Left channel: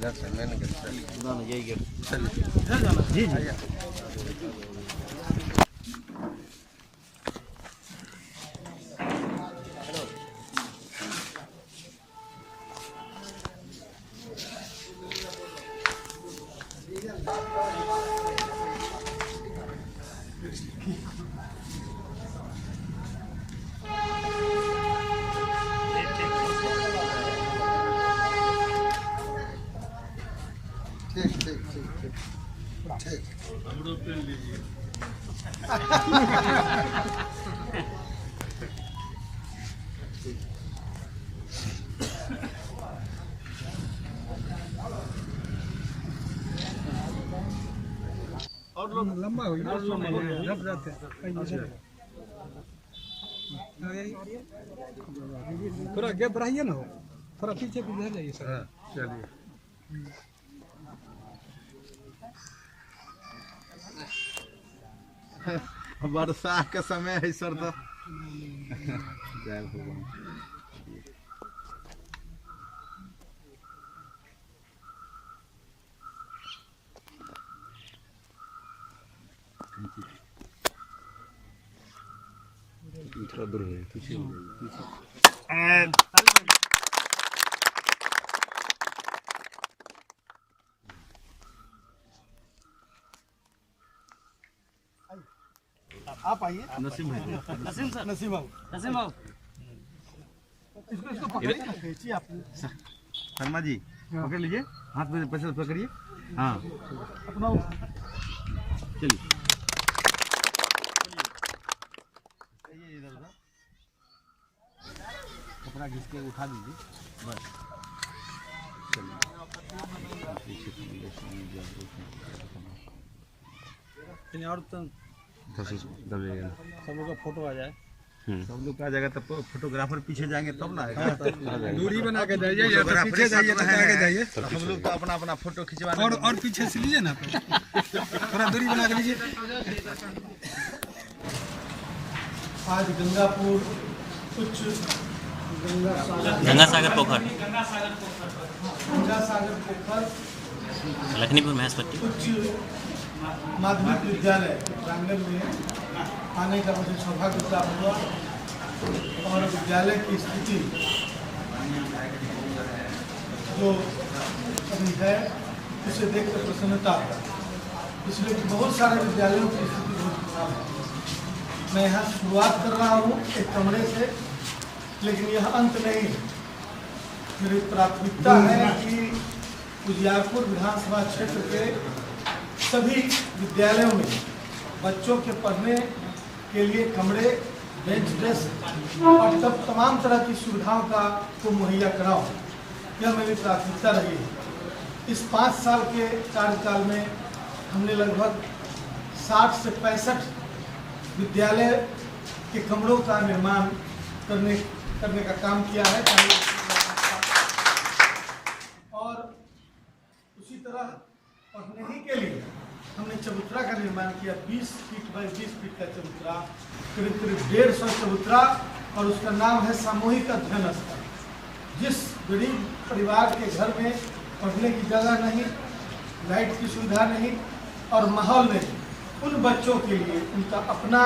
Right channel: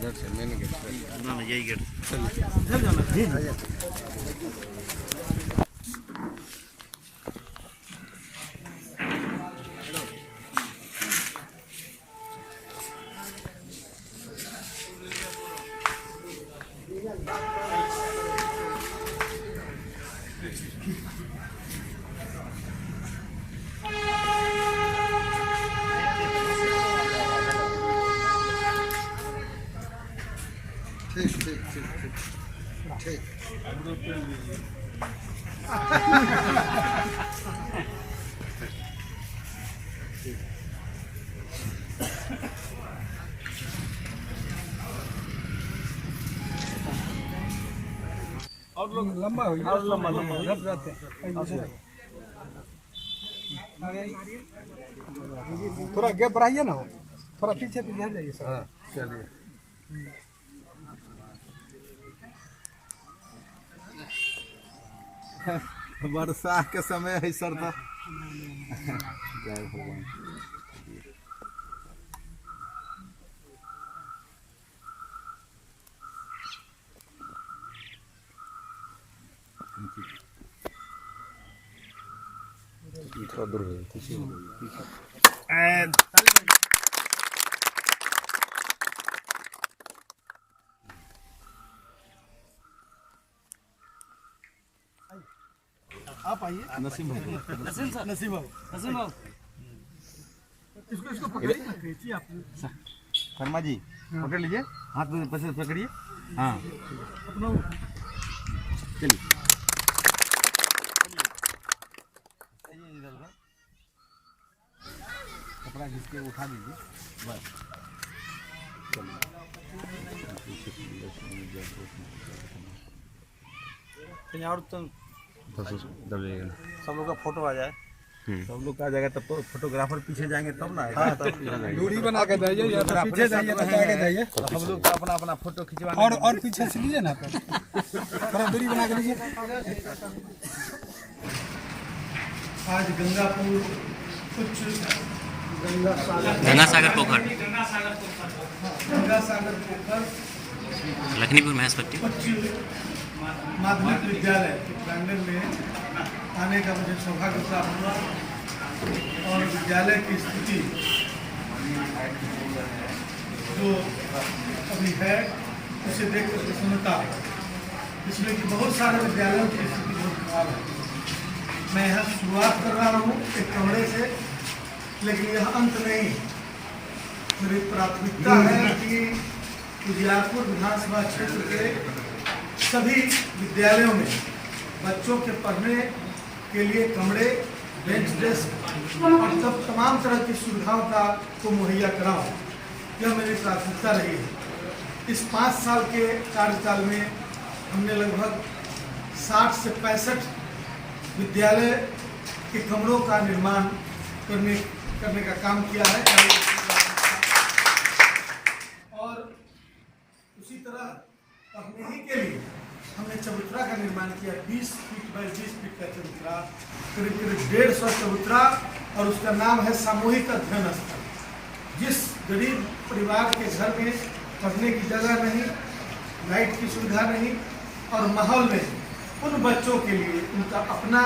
ना यही गेट इधर जाना जी जी। ठीक ठीक ठीक ठीक ठीक। और लोग लंबा हो गया और लंबा झट जाते थोड़ा गैप बढ़ाइए ना, हो थोड़ा पीछे पीछे जाइए सर। हाँ चलिए। वर्षा के समय है सर तो जय भगवान। थोड़ा दूर हो पीछे आप आइए। नसीम भाई नसीम बाबू इसको पकड़िए ना, खींचिए आप। शर्मा जी पकड़ लीजिए, हाथ में पैसे पकड़िए। हाँ अपना चलिए कपड़ा घिस के उठा दीजिए बस। चलिए और तो दब जाएगा ना, सब लोग का फोटो आ जाए। सब लोग आ जाएगा तब फोटोग्राफर पीछे जाएंगे तब ना आएगा। दूरी बना के जाइए या तो पीछे जाइए तो आगे जाइए। तो हम लोग तो अपना अपना फोटो खिंचवाने और पीछे से लीजिए ना, तो थोड़ा दूरी बना के लीजिए। आज गंगापुर कुछ गंगा सागर पोखर गंगा सागर पोखर लखनीपुर महेशपट्टी उच्च माध्यमिक विद्यालय के प्रांगण में आने का मुझे सौभाग्य प्राप्त हुआ और विद्यालय की स्थिति जो अभी है उसे देखकर प्रसन्नता है, इसलिए कि बहुत सारे विद्यालयों की स्थिति बहुत खराब है। मैं यहाँ शुरुआत कर रहा हूँ एक कमरे से, लेकिन यह अंत नहीं। मेरी प्राथमिकता है कि उजियारपुर विधानसभा क्षेत्र के सभी विद्यालयों में बच्चों के पढ़ने के लिए कमरे, बेंच डेस्क और तब तमाम तरह की सुविधाओं को मुहैया कराओ। यह मेरी प्राथमिकता रही है। इस 5 साल के कार्यकाल में हमने लगभग 60 से 65 विद्यालय के कमरों का निर्माण करने का काम किया है। और उसी तरह पढ़ने ही के लिए हमने चबूतरा का निर्माण किया। 20 फीट बाई 20 फीट का चबूतरा, करीब करीब 150 चबूतरा, और उसका नाम है सामूहिक अध्ययन स्थल। जिस गरीब परिवार के घर में पढ़ने की जगह नहीं, लाइट की सुविधा नहीं और माहौल नहीं, उन बच्चों के लिए उनका अपना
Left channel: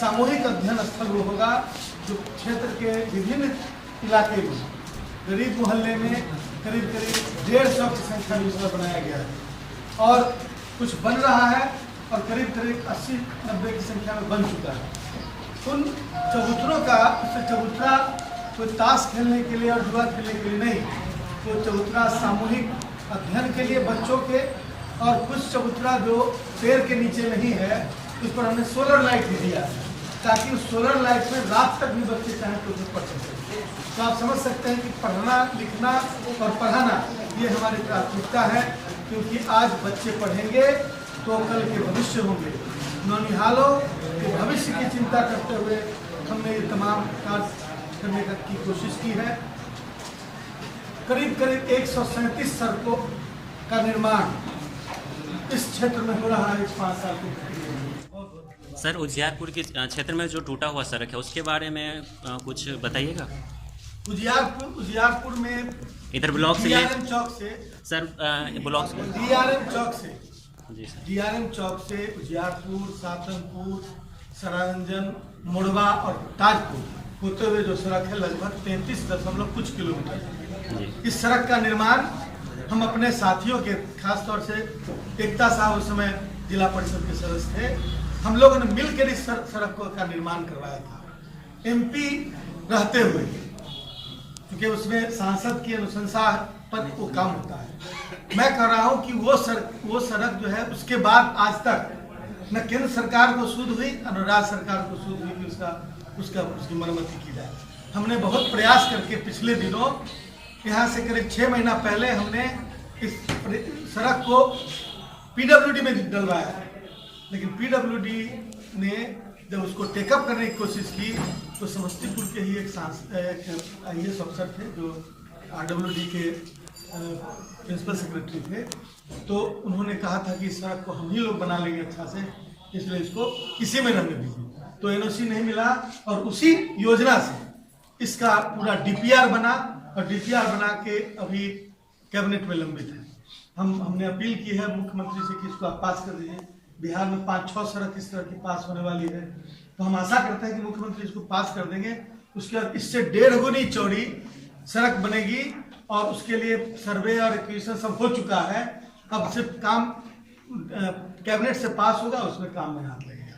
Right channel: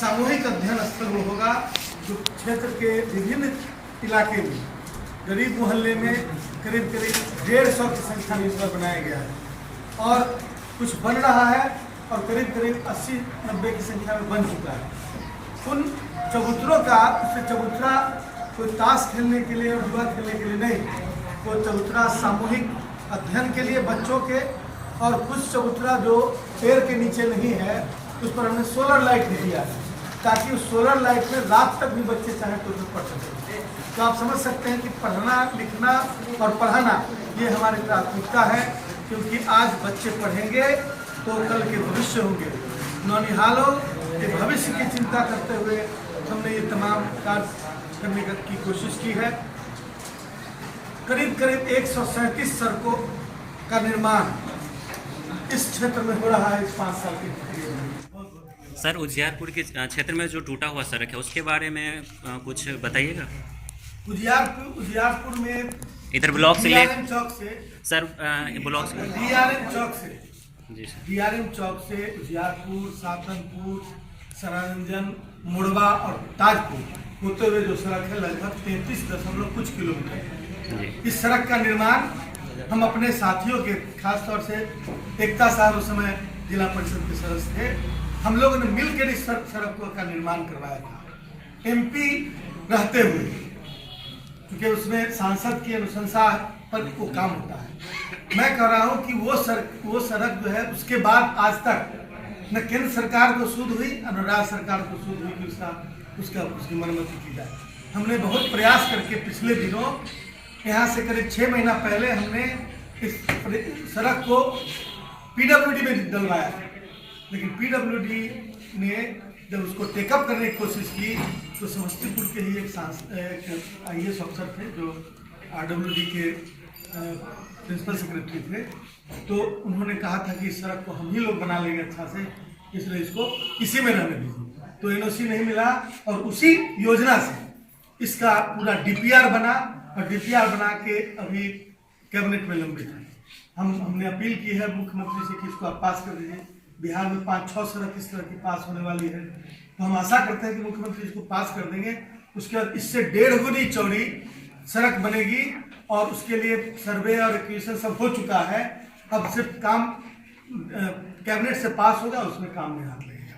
सामूहिक अध्ययन स्थल होगा, जो क्षेत्र के विभिन्न इलाके में गरीब मोहल्ले में करीब करीब 150 की संख्या में इसमें बनाया गया है और कुछ बन रहा है और करीब करीब 80-90 की संख्या में बन चुका है। उन चबूतरों का, उससे चबूतरा कोई ताश खेलने के लिए और जुआ खेलने के लिए नहीं, वो चबूतरा सामूहिक अध्ययन के लिए बच्चों के, और कुछ चबूतरा जो पेड़ के नीचे नहीं है उस पर हमने सोलर लाइट भी दिया है, ताकि उस सोलर लाइट में रात तक भी बच्चे चाहें तो उसमें पढ़ सकें। तो आप समझ सकते हैं कि पढ़ना, लिखना और पढ़ाना ये हमारी प्राथमिकता है, क्योंकि आज बच्चे पढ़ेंगे तो कल के भविष्य होंगे। नौनिहालों के भविष्य की चिंता करते हुए हमने ये तमाम कार्य करने की कोशिश की है। करीब करीब 137 सड़कों का निर्माण इस क्षेत्र में हो रहा है इस 5 साल के लिए। सर, उजियारपुर के क्षेत्र में जो टूटा हुआ सड़क है उसके बारे में कुछ बताइएगा। उजियारपुर में इधर ब्लॉक से ले DRM चौक से, सर ब्लॉक से DRM चौक से, जी सर। DRM चौक से उजियारपुर, सातनपुर, सरारंजन, मुड़वा और ताजपुर होते हुए जो सड़क है लगभग 33 कुछ किलोमीटर। जी इस सड़क का निर्माण हम अपने साथियों के, खास तौर से एकता साहब उस समय जिला परिषद के सदस्य थे, हम लोगों ने मिलकर इस सड़क का निर्माण करवाया था। MP रहते हुए, क्योंकि उसमें सांसद की अनुशंसा पर वो काम होता है। मैं कह रहा हूं कि वो सड़क जो है उसके बाद आज तक न केंद्र सरकार को सूद हुई न राज्य सरकार को सूद हुई कि उसकी मरम्मती की जाए। हमने बहुत प्रयास करके पिछले दिनों यहाँ से करीब 6 महीना पहले हमने इस सड़क को PWD में डलवाया, लेकिन PWD ने जब उसको टेकअप करने की कोशिश की तो समस्तीपुर के ही एक IAS अफसर थे जो RWD के प्रिंसिपल सेक्रेटरी थे, तो उन्होंने कहा था कि इस सड़क को हम ही लोग बना लेंगे अच्छा से, इसलिए इसको इसी में रहने दीजिए। तो NOC नहीं मिला और उसी योजना से इसका पूरा DPR बना और DPR बना के अभी कैबिनेट में लंबित है। हमने अपील की है मुख्यमंत्री से कि इसको आप पास कर दीजिए। बिहार में 5-6 सड़क इस तरह की पास होने वाली है, तो हम आशा करते हैं कि मुख्यमंत्री इसको पास कर देंगे। उसके बाद इससे 1.5 गुनी चौड़ी सड़क बनेगी और उसके लिए सर्वे और एक्विजिशन सब हो चुका है। अब सिर्फ काम कैबिनेट से पास होगा, उसमें काम में हाथ लगेगा।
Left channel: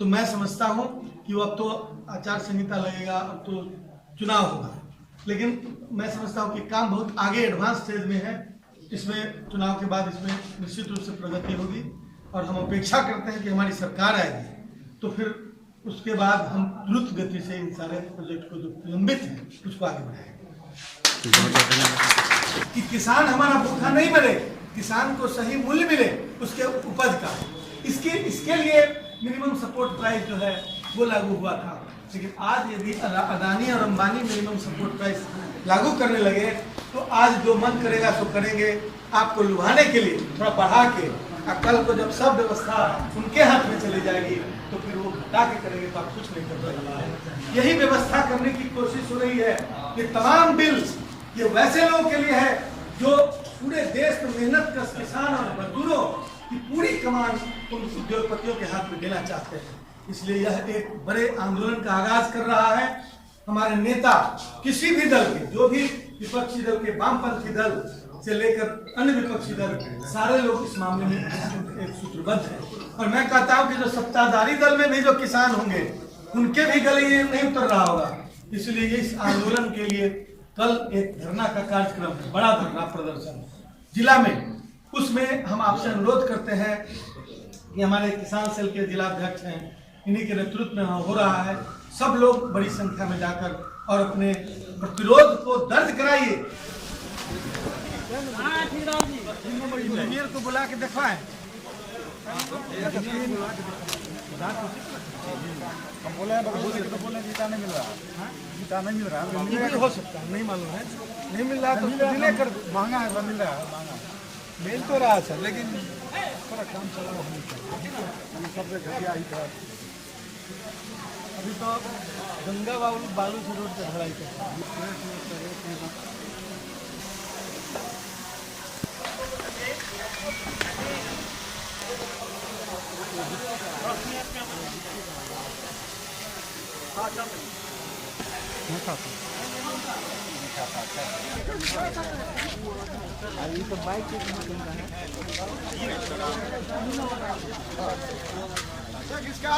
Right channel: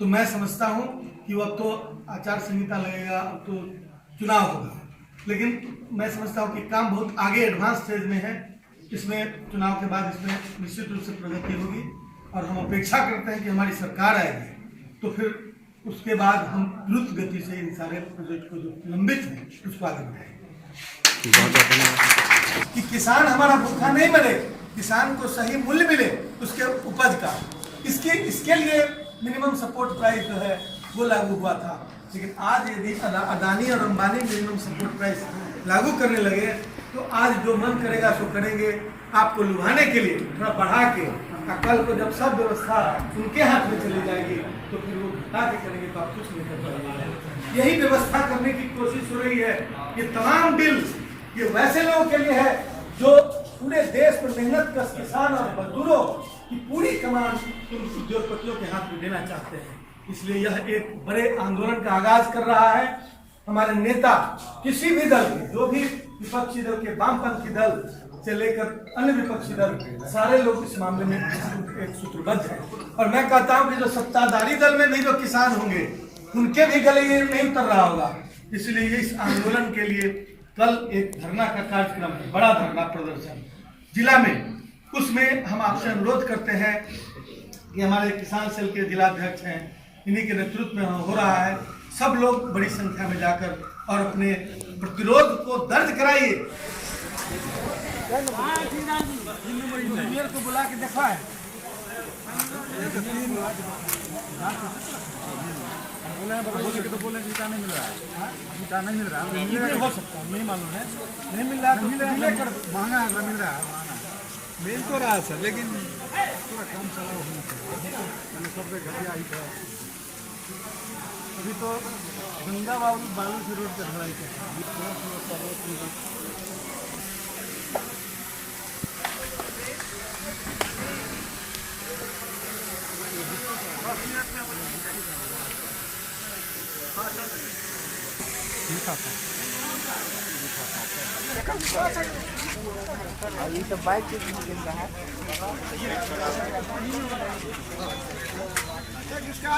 तो मैं समझता हूँ कि वो अब तो आचार संहिता लगेगा, अब तो चुनाव होगा, लेकिन मैं समझता हूँ कि काम बहुत आगे एडवांस स्टेज में है। इसमें चुनाव के बाद इसमें निश्चित रूप से प्रगति होगी और हम अपेक्षा करते हैं कि हमारी सरकार आएगी तो फिर उसके बाद हम द्रुत गति से इन सारे प्रोजेक्ट को जो लंबित है उसको आगे बढ़ाएंगे। बहुत बहुत धन्यवाद। कि किसान हमारा भूखा नहीं मरे, किसान को सही मूल्य मिले उसके उपज का, इसके लिए मिनिमम सपोर्ट प्राइस जो है वो लागू हुआ था। लेकिन आज यदि अदानी और अंबानी मिनिमम सपोर्ट प्राइस लागू करने लगे तो आज जो मन करेगा सो करेंगे, आपको लुभाने के लिए थोड़ा बढ़ा के। कल को जब सब व्यवस्था उनके हाथ में चली जाएगी तो फिर वो घटा के करेंगे तो आप कुछ नहीं कर पाएंगे। यही व्यवस्था करने की कोशिश हो रही है। ये तमाम बिल ये वैसे लोगों के लिए है जो पूरे देश में मेहनत कर किसान और मजदूरों की पूरी कमान उन उद्योगपतियों के हाथ में देना चाहते हैं। इसलिए यह एक बड़े आंदोलन का आगाज कर रहा है। हमारे नेता किसी भी दल के, जो भी विपक्षी दल के, वामपंथी दल से लेकर अन्य विपक्षी दल, सारे लोग इस मामले में एक सूत्रबद्ध हैं। और मैं कहता हूं कि जो सत्ताधारी दल में भी जो किसान होंगे उनके भी गले ये नहीं उतर रहा होगा। इसलिए इस आंदोलन के लिए कल एक धरना का कार्यक्रम है, बड़ा धरना प्रदर्शन जिला में, उसमें हम आपसे अनुरोध करते हैं कि हमारे किसान सेल के जिलाध्यक्ष हैं, इन्हीं के नेतृत्व में हो रहा है। सब लोग बड़ी संख्या में जाकर और अपने प्रतिरोध को दर्ज कराइए। इंजीनियर को बुला के दिखाएं। बोले जीता नहीं मिल रहा, जीता नहीं मिल रहा, हो सकता है नहीं मालूम है, नहीं मिल रहा तो महंगा है, मिल रहा है महंगा मिल तो रहा सर, लेकिन थोड़ा कम चल रहा है। अभी तो गंगा बालू से रोड पर ढलाई कर तो बाइक किसका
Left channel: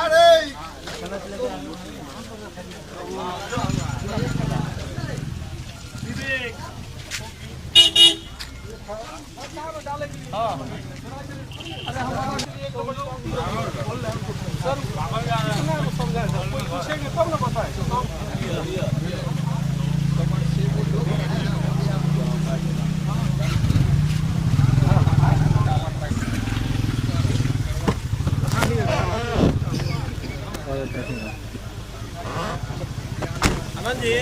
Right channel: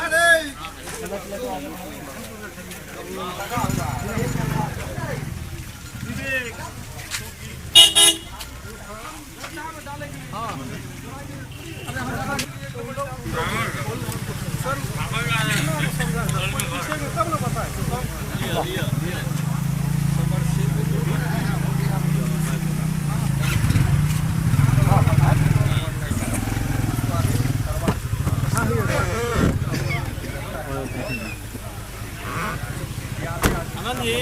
जी